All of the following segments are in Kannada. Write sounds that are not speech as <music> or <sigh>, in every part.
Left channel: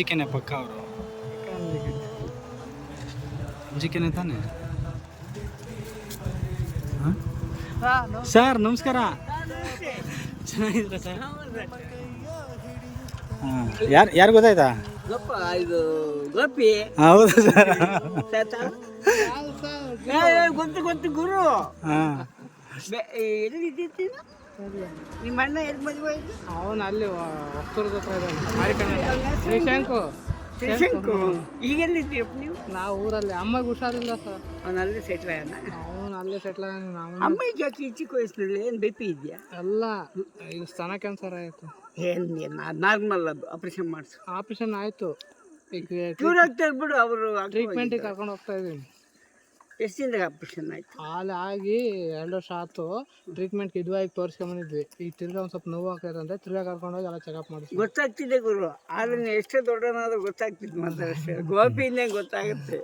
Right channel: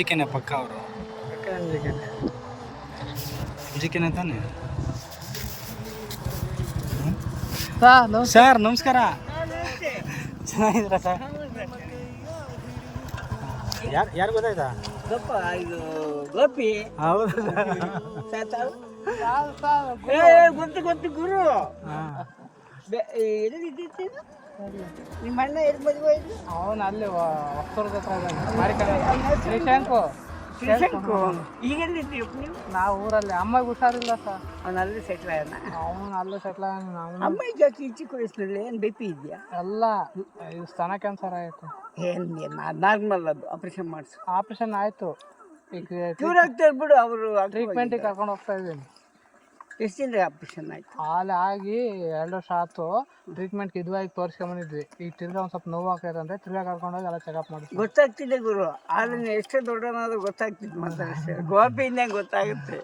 ಜಿ ಕೆನೆ ಪಕ್ಕ ಅವರು? ಎಂ ಜಿ ಕೆನೆ ತಾನೆ? ಸರ್ ನಮಸ್ಕಾರ. ಚೆನ್ನಾಗಿದ್ದೀರಾ ಸರ್? ಯಾರು ಯಾರು ಗೊತ್ತಾಯ್ತಾ? ಹೌದು ಸರ್. ಗೊತ್ತು ಗೊತ್ತು ಗುರು. ನಿಮ್ಮ ಅಣ್ಣ ಎಲ್ಲಿ ಮದುವೆ ಆಯ್ತು ಅವನು ಅಲ್ಲಿ ಹೊಸ್ತೂರ್ದ ಹತ್ರ ಇದ್ದಾನೆ. ಶ್ರೀಶಂಕು. ಶಂಕು ಈಗೆಲ್ಲಿದ್ದೀರಪ್ಪ ನೀವು? ನಾವು ಊರಲ್ಲಿ. ಅಮ್ಮಗೆ ಹುಷಾರಿಲ್ಲ ಸರ್. ಅವನು ಅಲ್ಲಿ ಸೆಟ್ಲ್ ಆಗೋಣ ಅವನು ಅಲ್ಲೇ ಸೆಟ್ಲ್ ನಾವು ಅಮ್ಮ ಜಾತಿ ಚಿಕ್ಕ ವಯಸ್ಸಿನಲ್ಲಿ ಏನು ಬಿ ಪಿ ಇದೆಯಾ? ಎಲ್ಲ ಇದು ಸ್ತನ ಕ್ಯಾನ್ಸರ್ ಆಯಿತು. ಏನು ನಾರ್ಮಲ್ ಅದು. ಆಪ್ರೇಷನ್ ಮಾಡಿಸು. ಆಪ್ರೇಷನ್ ಆಯಿತು. ಈಗ ಬಿಡು ಅವರು ಟ್ರೀಟ್ಮೆಂಟಿಗೆ ಕರ್ಕೊಂಡು ಹೋಗ್ತಾ ಇದ್ದೀನಿ. ಎಷ್ಟು ದಿನದಾಗ ಆಪರೇಷನ್ ಆಯ್ತು? ಅಲ್ಲಿ ಆಗಿ ಎರಡು ವರ್ಷ ಆಯ್ತು. ಟ್ರೀಟ್ಮೆಂಟ್ಗೆ ಇದುವಾಗಿ ತೋರಿಸ್ಕೊಂಬಂದಿದ್ವಿ. ಈಗ ತಿರ್ಗಾ ಒಂದು ಸ್ವಲ್ಪ ನೋವು ಆಗ್ತೈತೆ ತಿರ್ಗಾ ಕರ್ಕೊಂಡೋಗಿ ಎಲ್ಲ ಚೆಕಪ್ ಮಾಡಿದ್ವಿ ಗೊತ್ತಾಗ್ತಿದೆ ಗುರು. ಆದ್ರೆ ಎಷ್ಟೇ ದೊಡ್ಡನಾದ್ರೂ ಗೊತ್ತಾಗ್ತಿದ್ ಮಾತಾಡಷ್ಟೇ ಗೋಪಿಯಿಂದ ಗೊತ್ತಾಗುತ್ತೆ?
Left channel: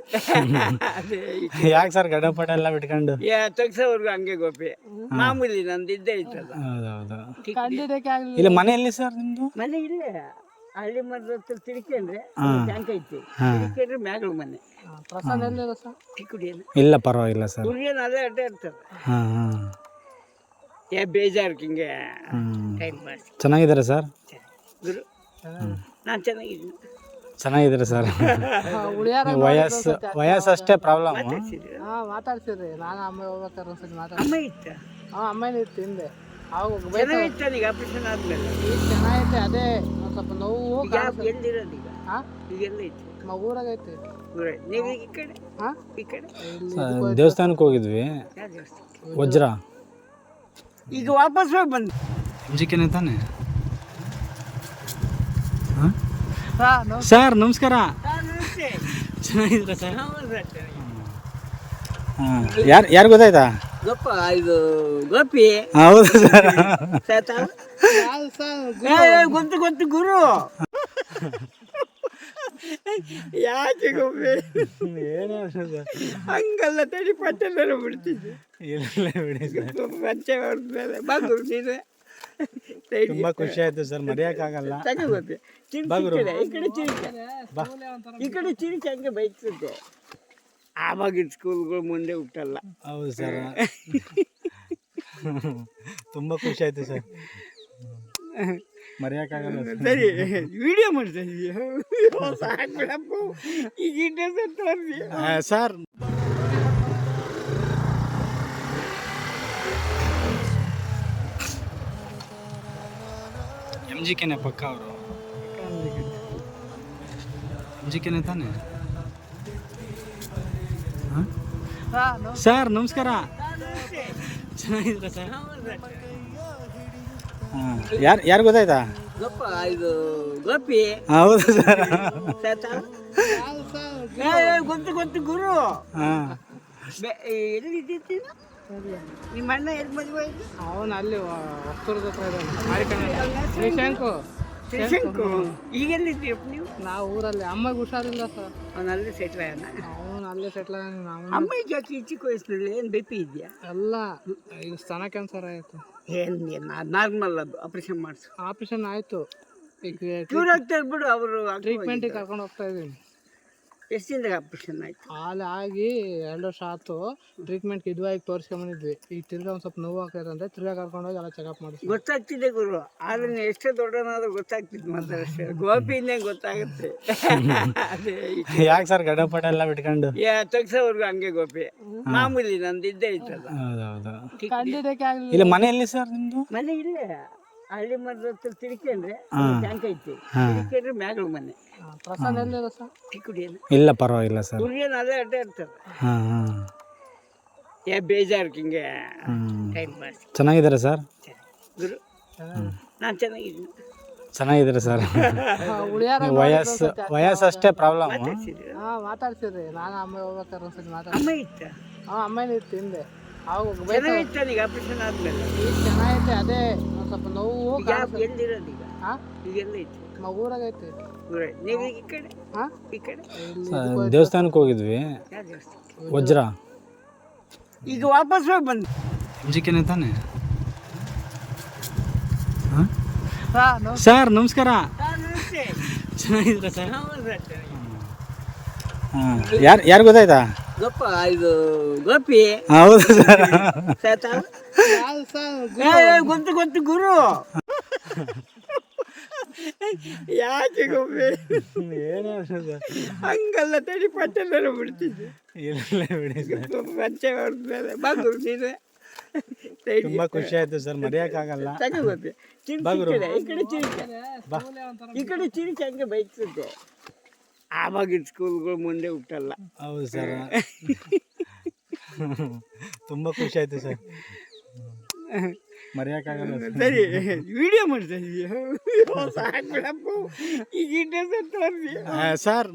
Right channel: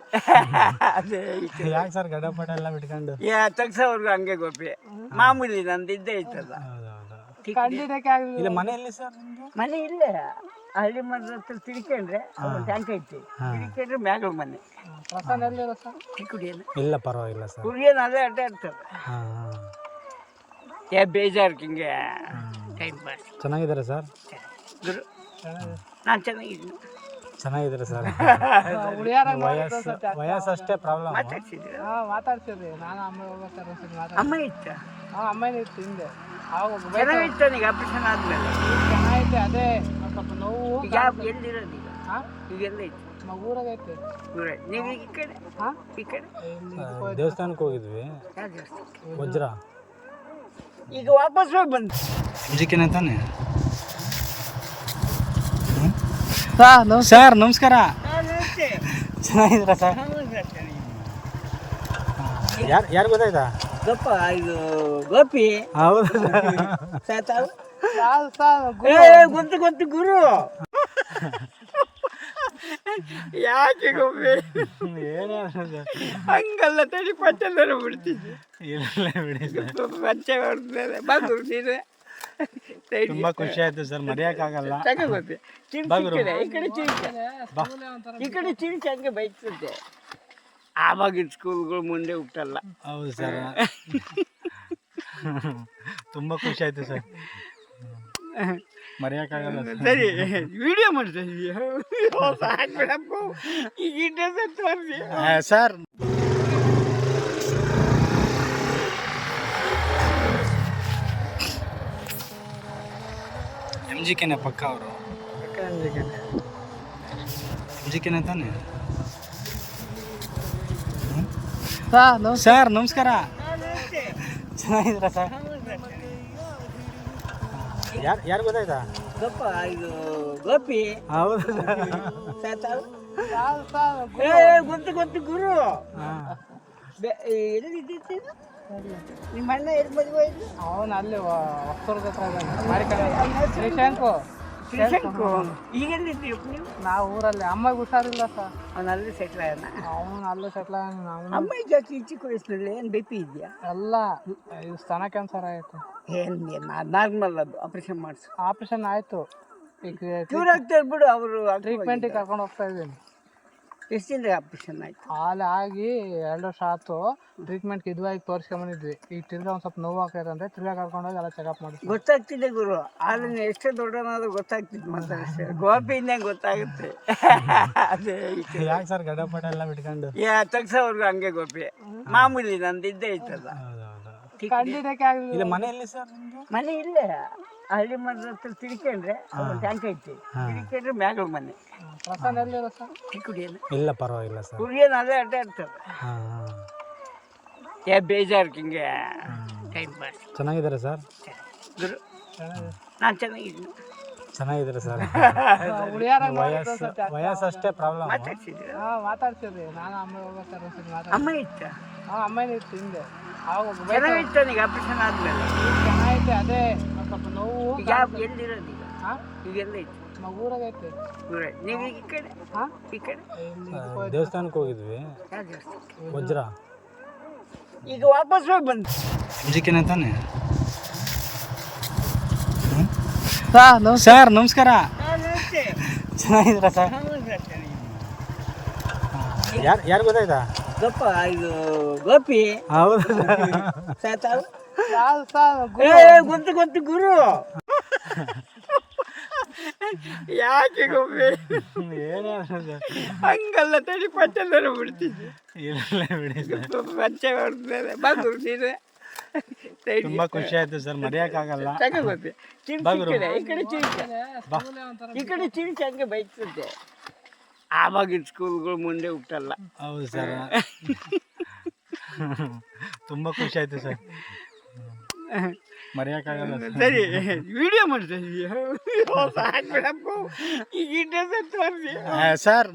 ಅದೇ ಯಾಕೆ ಸರ್ ಗಡಪಟ ಎಲ್ಲ ಬಿಟ್ಕೊಂಡು? ಯಾ ತಗ್ಸೋವರೆಗೂ ಹಂಗೆ ಗೋಪಿ. ಮಾಮೂಲಿ ನಂದು ಇದ್ದೇ ಇತ್ತಲ್ಲ. ಹೌದೌದು. ಕಂಡಿದ್ದಕ್ಕೆ ಆಗಲಿಲ್ಲ. ಇಲ್ಲ ಮನೆ ಎಲ್ಲಿ ಸರ್ ನಿಮ್ಮದು ಮನೆ ಇಲ್ಲೇ. ಹಳ್ಳಿ ಮರದ ಹತ್ರ ತಿಳ್ಕೊಂಡ್ರೆ ಟ್ಯಾಂಕ್ ಐತಿ. ತಿಳ್ಕೊಂಡ್ರೆ ಮ್ಯಾಗಳ ಮನೆ. ಪ್ರಸನ್ನ ಎಲ್ಲಿರೋ ಸರ್? ಚಿಕ್ಕುಡಿಯನ್ನು ಇಲ್ಲ ಪರವಾಗಿಲ್ಲ ಸರ್. ಹುಡುಗಿಯನ್ನು ಅದೇ ಅಡ್ಡ ಇರ್ತಾರೆ ಹಾಂ ಹಾಂ. ಏ ಬೇಜಾರು ಹಿಂಗೆ. ಹ್ಞೂ ಟೈಮ್ ಪಾಸ್ ಚೆನ್ನಾಗಿದ್ದಾರೆ ಸರ್? ಗುರು ನಾನು ಚೆನ್ನಾಗಿದ್ದೀನಿ. ಚೆನ್ನಾಗಿದ್ದಾರೆ ಸರ್? ಉಳಿಯಾರ ವಯಸ್ಸು ವಯಸ್ಸು ಅಷ್ಟೇ ಪ್ರಾಬ್ಲಮ್ ಮಾತಾಡ್ಸಿದ್ದೀರ ಹಾಂ ಮಾತಾಡ್ಸಿದ್ರಿ. ನಾನು ಅಮ್ಮ ಹೋಗ್ಬೇಕಾರೆ ಒಂದ್ಸತಿ ಮಾತಾಡ್ಸಿ. ಅಮ್ಮ ಇತ್ತ? ಹಾಂ ಅಮ್ಮನೇ ಇತ್ತು ಹಿಂದೆ. ಅವಾಗ ಚೆನ್ನಾಗಿತ್ತ ಈಗ ಆಪರೇಷನ್ ಆದ್ಮೇಲೆ. ಈಗ ಚೆನ್ನಾಗೈತೆ ಅದೇ ಒಂದು ಸ್ವಲ್ಪ ನೋವು ಜಾಬ್ ಯಾವ ಎಲ್ಲಿರೋದು ಈಗ? ಹಾಂ ಈಗ ಎಲ್ಲ ಐತಿ ನಮ್ಮ ಊರಾಗೈತೆ ಊರೇ ನೀವು ಈ ಕಡೆ? ಹಾಂ? ಈ ಕಡೆ? ಇಲ್ಲಿ ದೇವಸ್ಥಾನಕ್ಕೆ ಹೋಗಿದ್ವಿ. ಯಾವ ದೇವಸ್ಥಾನ? ವಜ್ರ. ಈಗ ವಾಪಸ್ ಹೋಗಿ ಬಂದು. ತಾನೆ? ಸರ್ ಸರ್ ನಮಸ್ಕಾರ. ಚೆನ್ನಾಗಿದ್ರ ಚೆನ್ನಾಗಿದ್ದೀರಾ ಸರ್. ಯಾರು ಯಾರು ಗೊತ್ತಾಯ್ತಾ? ಗಪ್ಪ ಇದು ಗೋಪಿ. ಹೌದು ಗೊತ್ತು ಗೊತ್ತು ಗುರು. ಯಾಕೆ ಗೋಪಿ? ಹಂಗಲ್ಲ ತಡಿ ಪಚ್ಚಂದರ ಬಿಡ್ತಿದ್ದೆ. ಇಲ್ಲ ಬಿಡಿ ಹೊಡ್ದ್ಮೇಲೆ ನೀನು ತುಂಬಾ ಖುಷಿ ಆಯ್ತು ಸರ್ ಮರೆಯಕ್ಕಾಗಲ್ಲ. ಈ ಕಡೆ ಚಿರಿಕೆ ಈ ಕಡೆ ಚಿರಿಕೆ ಹಂಗೆ ಬೈಕ್ಸುತ್ತೆ ಆವಾಗಿನ ಸ್ಕೂಲ್ಗಳು ಮುಂದೆ ಹುಟ್ಟಲ್ಲ. ಹೌದು ಸರ್. <laughs> ತುಂಬ ಖುಷಿ ಆಯ್ತು ಸರ್. ಮರೆಯೋಕ್ಕಾಗಲ್ಲ ಸರ್. ವಿಡಿಯೋ ಮಾಡ್ತಾ ಇದೀಯ ಸಾಕ್ಬಿಡಪ್ಪ. ಈಗ ಇಂಟ್ರೆಸ್ಟ್ ತೋರಿಸಿ. ಆ, ಸರ್. ಎಂ ಜಿ ಕೆನೆ ಪಕ್ಕ ಅವರು. ಎಂ ಜಿ ಕೆನೆ ತಾನೆ? ಸರ್ ಸರ್ ನಮಸ್ಕಾರ. ಚೆನ್ನಾಗಿದ್ರ ಸರ್? ಯಾರು ಯಾರು ಗೊತ್ತಾಯ್ತಾ? ಗಪ್ಪ ಇದು ಗೋಪಿ. ಹೌದು ಸರ್. ಗೊತ್ತು ಗೊತ್ತು ಗುರು? ನಿಮ್ಮ ಅಣ್ಣ ಎಲ್ಲಿ ಮದುವೆ ಆಯ್ತು? ಅವನು ಅಲ್ಲಿ ಹೊಸ್ತೂರ್ದ ಹತ್ರ ಇದ್ದಾನೆ. ಶ್ರೀಶಾಂಕು ಶ್ರೀಶಂಕು. ಶಂಕು ಈಗೆಲ್ಲಿದ್ದೀರಪ್ಪ ನೀವು? ನಾವು ಊರಲ್ಲಿ. ಅಮ್ಮಗೆ ಹುಷಾರಿಲ್ಲ ಸರ್. ಅವನು ಅಲ್ಲಿ ಸೆಟ್ಲ್ ಆಗೋಣ ಅವನು ಅಲ್ಲೇ ಸೆಟ್ಲ್ ಆಗಿ ನಾವು ಅಮ್ಮ ಜಾತಿ ಚಿಕ್ಕ ವಯಸ್ಸಿನಲ್ಲಿ ಏನು ಬಿ ಪಿ ಇದೆಯಾ? ಎಲ್ಲ ಇದು ಸ್ತನ ಕ್ಯಾನ್ಸರ್ ಆಯಿತು. ಏನು ನಾರ್ಮಲ್ ಅದು ಆಪರೇಷನ್ ಮಾಡಿಸು. ಆಪ್ರೇಷನ್ ಆಯಿತು. ಈಗ ಕ್ಯೂರ್ ಆಗ್ತಾರೆ ಬಿಡು ಅವರು ಟ್ರೀಟ್ಮೆಂಟಿಗೆ ಕರ್ಕೊಂಡು ಹೋಗ್ತಾ ಇದ್ದೀನಿ. ಎಷ್ಟು ದಿನದಾಗ ಆಪರೇಷನ್ ಆಯ್ತು. ಹಾಲಾಗಿ ಆಗಿ ಎರಡು ವರ್ಷ ಆಯ್ತು. ಟ್ರೀಟ್ಮೆಂಟ್ಗೆ ಆಗಿ ತೋರಿಸ್ಕೊಂಬಂದಿದ್ವಿ. ಈಗ ತಿರ್ಗಾ ಒಂದು ಸ್ವಲ್ಪ ನೋವು ಆಗ್ತೈತೆ ತಿರ್ಗ ತಿರ್ಗಾ ಕರ್ಕೊಂಡೋಗಿ ಎಲ್ಲ ಚೆಕಪ್ ಮಾಡಿದ್ವಿ ಗೊತ್ತಾಗ್ತಿದೆ ಗುರು. ಆದ್ರೆ ಎಷ್ಟು ಎಷ್ಟೇ ದೊಡ್ಡನಾದ್ರೂ ಗೊತ್ತಾಗ್ತಿತ್ತು ಮಾತಾಡಷ್ಟೇ ಗೋಪಿಯಿಂದ ಗೊತ್ತಾಗುತ್ತೆ. ಅದೇ ಯಾಕೆ ಸರ್ ಗಡಪಟ ಎಲ್ಲ ಬಿಟ್ಕೊಂಡು? ಯಾ ತಗ್ಸೋವರೆಗೂ ಹಂಗೆ ಗೋಪಿ. ಮಾಮೂಲಿ ನಂದು ಇದ್ದೇ ಇತ್ತಲ್ಲ ಕಂಡಿದ್ದಕ್ಕೆ ಆಗಲಿಲ್ಲ. ಮನೆಯಲ್ಲಿ ಸರ್ ನಿಮ್ಮದು ಮನೆ ಇಲ್ಲೇ. ಹಳ್ಳಿ ಮರದ ಹತ್ರ ತಿಳ್ಕೊಂಡ್ರೆ ಟ್ಯಾಂಕ್ ಐತಿ. ತಿಳ್ಕೊಂಡ್ರೆ ಮ್ಯಾಗಳ ಮನೆ ಪ್ರಸನ್ನ ಎಲ್ಲಿರೋ ಸರ್ ಚಿಕ್ಕುಡಿಯನ್ನು ಇಲ್ಲ ಪರವಾಗಿಲ್ಲ ಸರ್. ಹುಡುಗಿಯನ್ನು ಅದೇ ಅಡ್ಡ ಇರ್ತಾರೆ ಹಾಂ ಹಾಂ. ಏ ಬೇಜಾರು ಹಿಂಗೆ. ಹ್ಞೂ ಟೈಮ್ ಪಾಸ್ ಚೆನ್ನಾಗಿದ್ದಾರೆ ಸರ್? ಗುರು ನಾನು ಚೆನ್ನಾಗಿದ್ದೀನಿ. ಚೆನ್ನಾಗಿದ್ದಾರೆ ಸರ್? <laughs> ಉಳಿಯಾರ ವಯಸ್ಸು ವಯಸ್ಸು ಅಷ್ಟೇ ಪ್ರಾಬ್ಲಮ್. ಮಾತಾಡ್ಸಿದ್ದೀರ ಹಾಂ ಮಾತಾಡ್ಸಿದ್ರಿ. ನಾನು ಅಮ್ಮ ಹೋಗ್ಬೇಕಾರೆ ಒಂದ್ಸತಿ ಮಾತಾಡ್ಸಿ. ಅಮ್ಮ ಇತ್ತ? ಹಾಂ ಅಮ್ಮನೇ ಇತ್ತು ಹಿಂದೆ. ಆಪರೇಷನ್ ಆದ್ಮೇಲೆ. ಈಗ ಚೆನ್ನಾಗೈತೆ ಅದೇ ಒಂದು ಸ್ವಲ್ಪ ನೋವು ಎಲ್ಲಿರೋದು ಈಗ? ಹಾಂ ನಮ್ಮ ಊರಾಗೈತೆ. ಊರೇ ನೀವು ಈ ಕಡೆ? ಹಾಂ? ಈ ಕಡೆ? ಇಲ್ಲಿ ದೇವಸ್ಥಾನಕ್ಕೆ ಹೋಗಿದ್ವಿ. ಯಾವ ದೇವಸ್ಥಾನ? ವಜ್ರ. ಈಗ ವಾಪಸ್ ಹೋಗಿ ಬಂದು ಅಂಜಿಕೆನೆ ತಾನೆ? ಸರ್ ಸರ್ ನಮಸ್ಕಾರ. ನಮಸ್ತೆ. ಚೆನ್ನಾಗಿದ್ದೀರಾ ಸರ್? ಹೌದು ಸರ್ ಚೆನ್ನಾಗಿದೆ. ಯಾರು ಯಾರು ಗೊತ್ತಾಯ್ತಾ? ಗಪ್ಪ ಇದು ಗೋಪಿ. ಹೌದು ಗೊತ್ತು ಗೊತ್ತು ಗುರು. ಯಾಕೆ ಗೋಪಿ? ಹಂಗಲ್ಲ ತಡಿ ಪಚ್ಚದರ ಬಿಡ್ತಿದ್ದೆ ಇಲ್ಲ ಬಿಡಿ ಸರ್. ಪಚ್ಚೆ ಹೊಡ್ತಾರೆ ಬಾ ತುಂಬಾ ಖುಷಿ ಆಯ್ತು ಸರ್ ಮರೆಯಕ್ಕಾಗಲ್ಲ. ಈ ಕಡೆ ಚಿರಿಕ ಈ ಕಡೆ ಚಿರಿಕ ಹಂಗೆ ಬೈಕ್ಸುತ್ತೆ ಆವಾಗಿನ ಸ್ಕೂಲ್ಗಳು ಮುಂದೆ ಹುಟ್ಟಲ್ಲ ಹೌದು ಸರ್ ತುಂಬ ಖುಷಿ ಆಯ್ತು ಸರ್ ಮರೆಯೋಕ್ಕಾಗಲ್ಲ ಸರ್ ಸರಿ ವಿಡಿಯೋ ಮಾಡ್ತಾ ಇದೀಯ ಸಾಕು ಬಿಡಪ್ಪ ಈಗ ಇಂಟ್ರೆಸ್ಟ್ ತೋರಿಸಿ ಆ, ಸರ್